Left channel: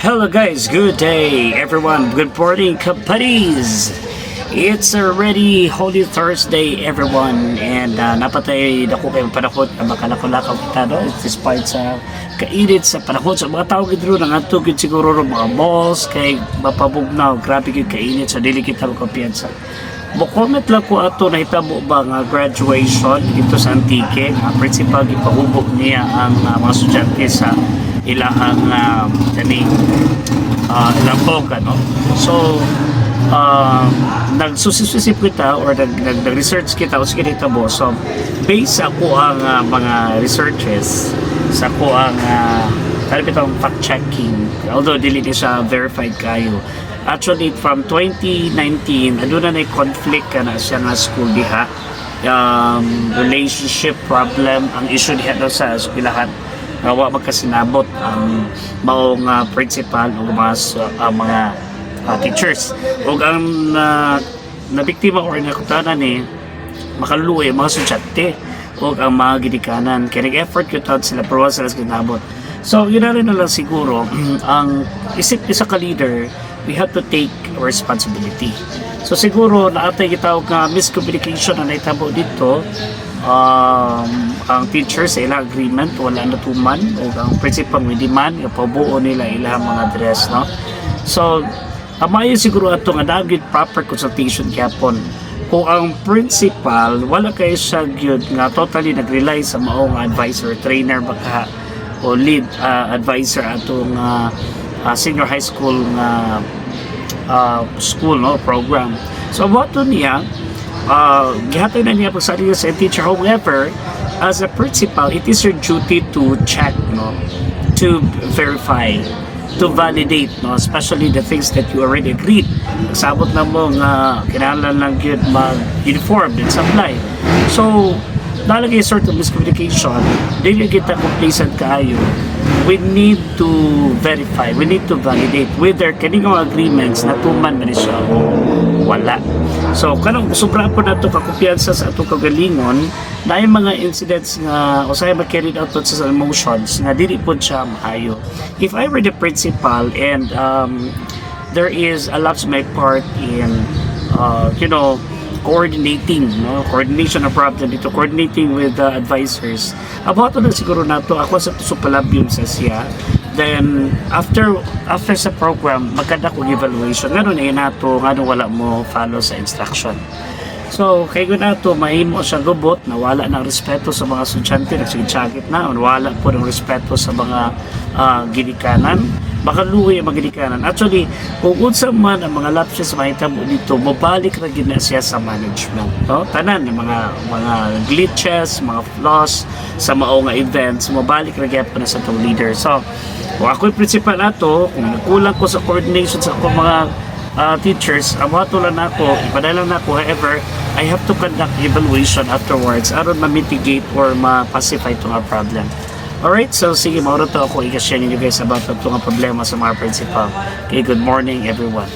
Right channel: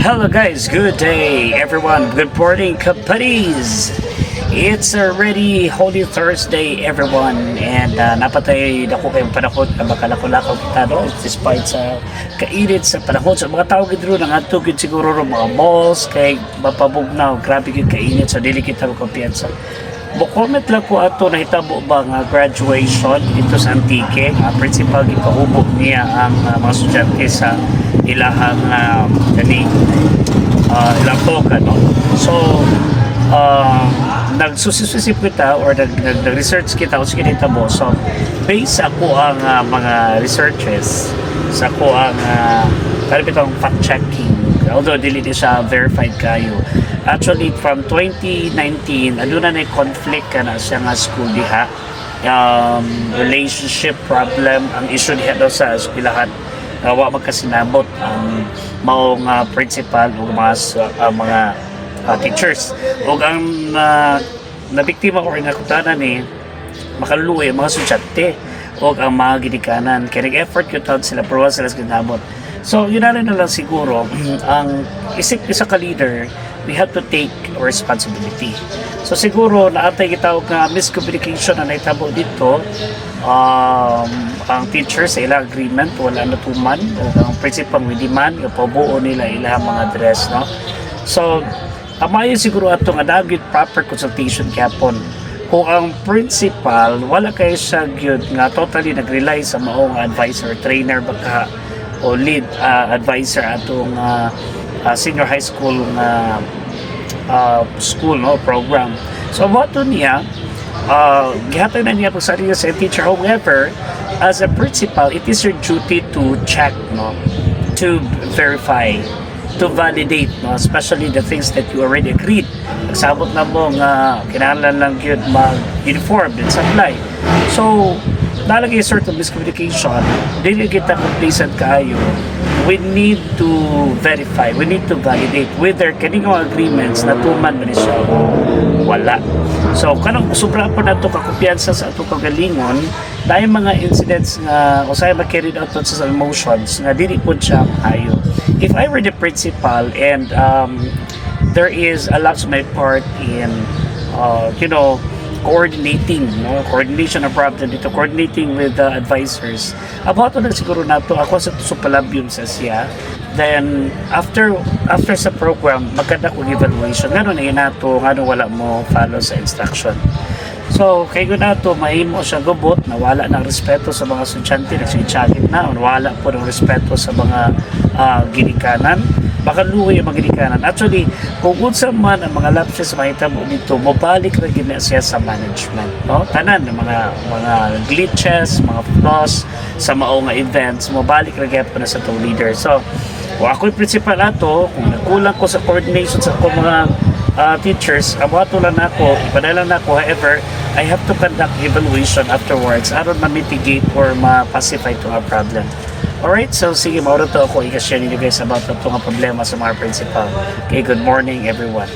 Hello guys, good day everyone, good morning kapatid. It's already Holy Thursday everyone and napatay na ko kayong panahon na makalako-lakaw kita no? Despite sa kainit sa panahon sa mga tao gidro nang atugid siguro ng mga malls kay mapabugnaw, grabe yung kainit sa dili kita magkumpiyansa. Comment lang ko ato na hitabo ba nga graduation dito sa Antique nga principal gipahubog niya ang mga estudyante sa ilahang ilang program no? So nagsusisip kita or nag-research kita o sige hitabo. So based ako ang mga researches sa ko ang karibitang fact checking, although dili di siya verified kayo. Actually from 2019 aduna na conflict na siya nga school diha, relationship problem ang issue diha daw sa eskwelahan. Wa magkasinabot ang maong principal o mga teachers o ang nabiktima or nakutanan ni makaluoy mga estudyante o ang mga ginikanan kaya nag-effort yun sila pero sila ginabot. So yun na rin na lang siguro ang isip isa ka leader, we have to take responsibility. So siguro naatay gitawag nga miscommunication na naitabo dito. Ang teacher sa ilang agreement wala natuman o ang principal hindi man ipabuo nila ilang mga dress no. So amayo siguro ato nga dagit proper consultation kapon kung ang principal wala kay siya gyud nga totally nag-rely sa maong advisor trainer baka o lead advisor atong senior high school na school no program. So what niya gihatag na niya pagsali sa teacher. However, as a principal, it is your duty to check no, to verify, to validate no, especially the things that you already agreed. Nagsabot na mo nga kinahanglan lang yun mag-uniform and supply. So nalagay sort of miscommunication, dili kita complacent kayo. We need to verify, we need to validate whether kaning agreements na tuman man siya o wala. So kanang sobra po nato ka kumpiyansa sa ato kagalingon dahil mga incidents nga usay ma-carried out sa emotions nga dili po siya maayo. If I were the principal and there is a lapse my part in coordination of problem dito, coordinating with the advisors. About na siguro nato ako sa supalabyon sa siya. Then after sa program magkada ko evaluation ngano na nato ngano wala mo follow sa instruction. So kay ko nato mahimo siya gubot na wala ng respeto sa mga estudyante, nagsigitsagit na wala po ng respeto sa mga ginikanan, makaluoy ang mga ginikanan. Actually kung unsa man ang mga lapses sa mahitabo dito mabalik ra gid siya sa management no, tanan ng mga glitches, mga flaws sa mao nga events mabalik ra gyud na sa to leader. So kung ako'y principal ato, kung nagkulang ko sa coordination sa ako mga teachers, abato lang ako, ipadala na ako. However, I have to conduct evaluation afterwards aron ma-mitigate or ma-pacify itong problem. Alright, so sige, mauro to ako i-share ninyo guys about itong problema sa mga principal. Okay, good morning everyone.